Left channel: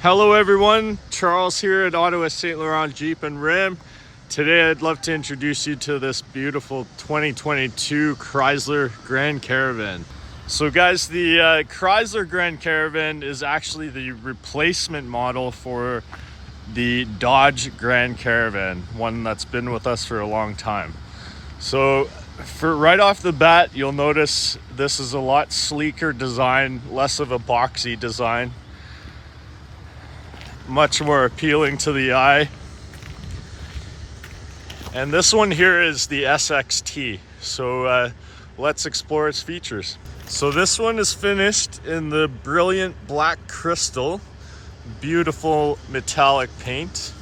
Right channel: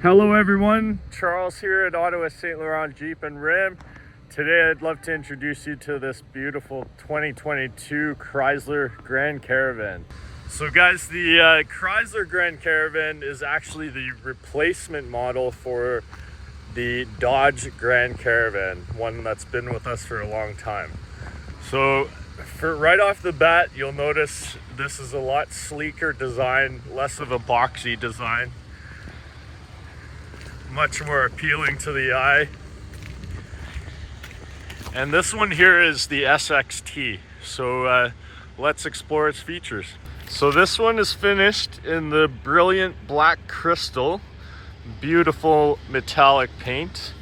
Hello everyone, Charles here at Ottawa St-Laurent Jeep and Ram. Today I'd love to introduce you to this beautiful 2022 Chrysler Grand Caravan. So guys, the Chrysler Grand Caravan is actually the replacement model for the Dodge Grand Caravan, one that's been with us for a long time. So for right off the bat, you'll notice this is a lot sleeker design, less of a boxy design. Much more appealing to the eye. And this one here is the SXT. So let's explore its features. So this one is finished in the brilliant black crystal, beautiful metallic paint.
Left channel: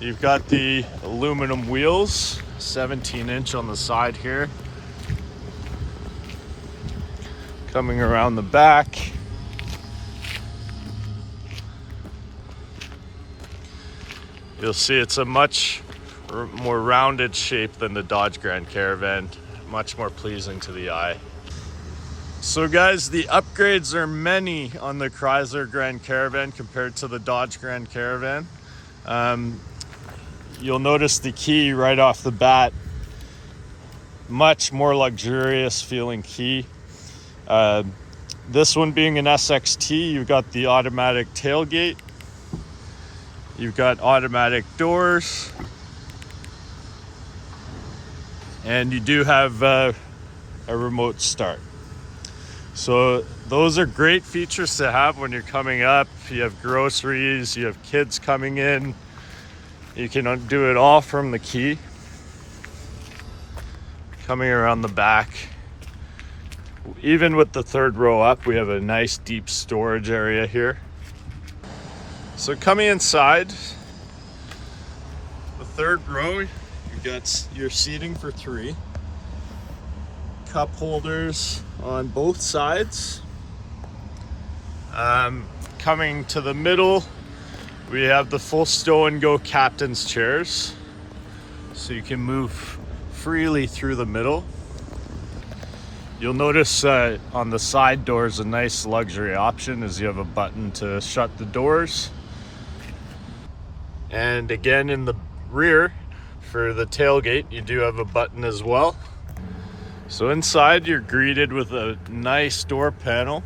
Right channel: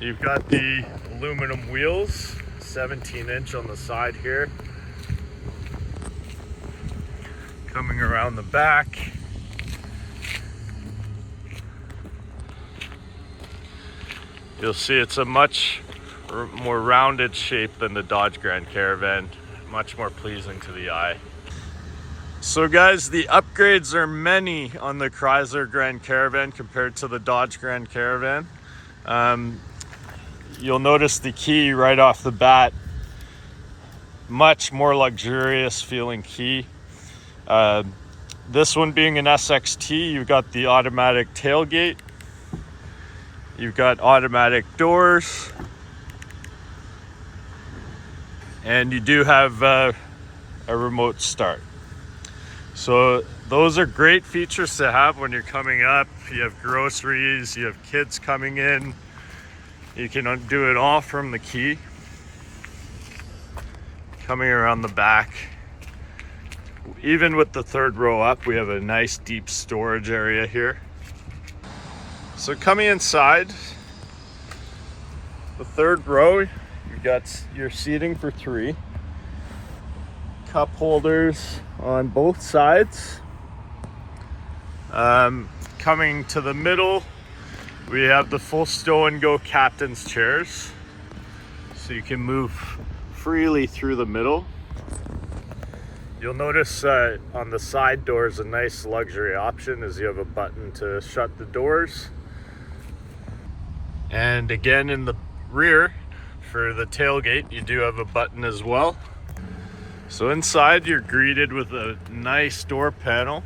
You've got the aluminum wheels, 17-inch on the side here. Coming around the back. You'll see it's a much more rounded shape than the Dodge Grand Caravan, much more pleasing to the eye. So guys, the upgrades are many on the Chrysler Grand Caravan compared to the Dodge Grand Caravan. You'll notice the key right off the bat, much more luxurious feeling key. This one being an SXT, you've got the automatic tailgate. You've got automatic doors, and you do have a remote start. So those are great features to have when you're coming up. You have groceries, you have kids coming in. You can do it all from the key. Coming around the back, even with the third row up, we have a nice deep storage area here. So coming inside, the third row, you've got your seating for 3. Cup holders on both sides. Coming to the middle, we have the full stow and go captain's chairs. So you can move freely through the middle. You'll notice on the side doors, a nice luxury option is you have a button to shut the doors. And again, in the rear for the tailgate, you do have a button as well. So inside, you're greeted with a nice door panel.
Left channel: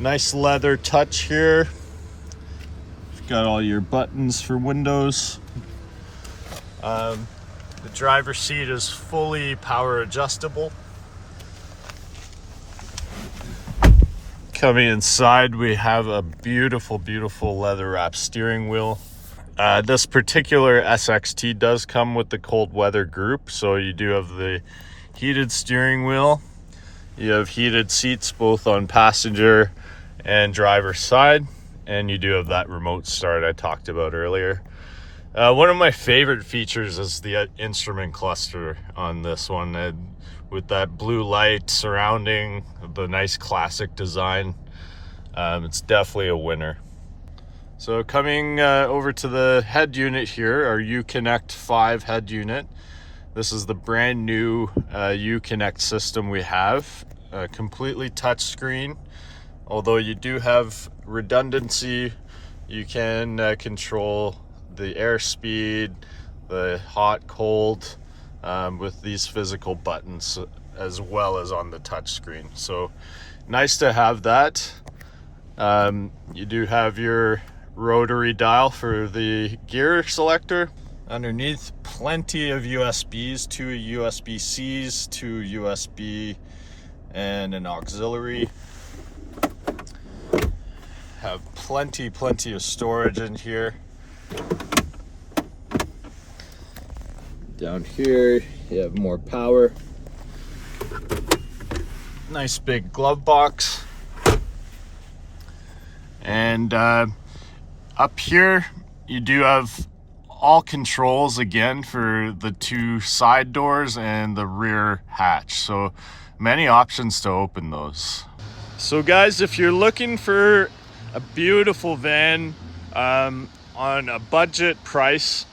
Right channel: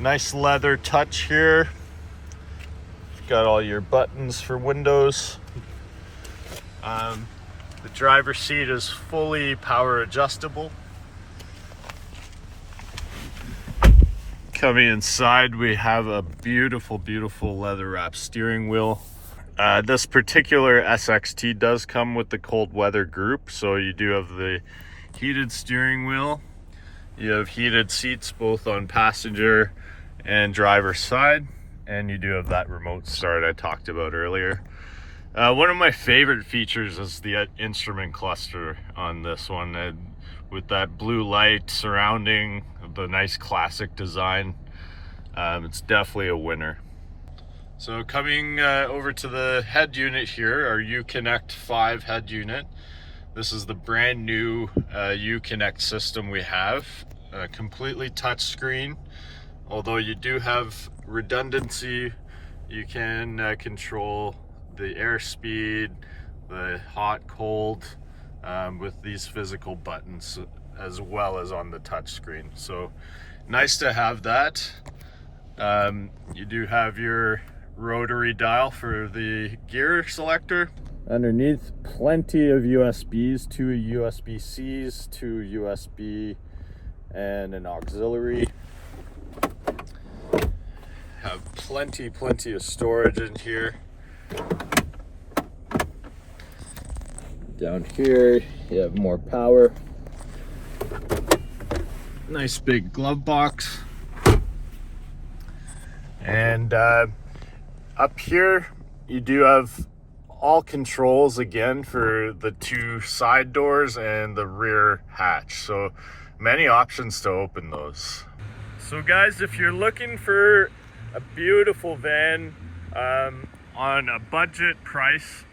Nice leather touch here. You've got all your buttons for windows. The driver's seat is fully power adjustable. Coming inside, we have a beautiful, beautiful leather wrapped steering wheel. This particular SXT does come with the cold weather group, so you do have the heated steering wheel. You have heated seats both on passenger and driver's side, and you do have that remote start I talked about earlier. One of my favorite features is the instrument cluster on this one. With that blue light surrounding the nice classic design, it's definitely a winner. So coming over to the head unit here, our Uconnect 5 head unit. This is the brand new Uconnect system we have, completely touchscreen. Although you do have redundancy, you can control the airspeed, the hot, cold, with these physical buttons as well as on the touch screen. So nice to have that. You do have your rotary dial for the gear selector. Underneath, plenty of USBs, 2 USB-Cs, 2 USB and an auxiliary. Have plenty of storage in here. Down here, you have more power. Nice big glove box. And up here, you do have all controls again for the 2 side doors and the rear hatch. So many options to open those. So guys, if you're looking for a beautiful van on a budget price,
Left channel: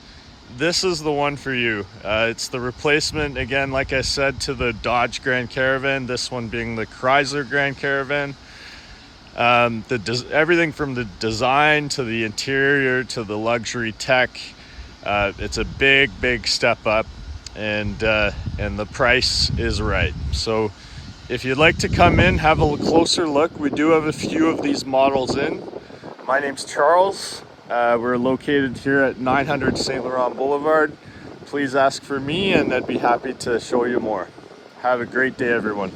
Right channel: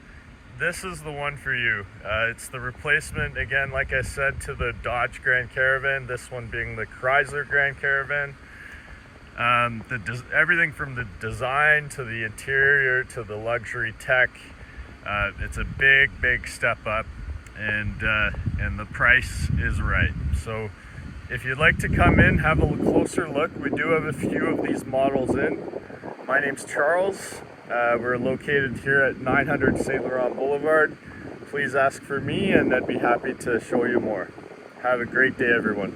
this is the one for you. It's the replacement, again, like I said, to the Dodge Grand Caravan, this one being the Chrysler Grand Caravan. Everything from the design to the interior to the luxury tech, it's a big step up, and the price is right. So if you'd like to come in, have a closer look, we do have a few of these models in. My name's Charles. We're located here at 900 St-Laurent Boulevard. Please ask for me and I'd be happy to show you more. Have a great day, everyone.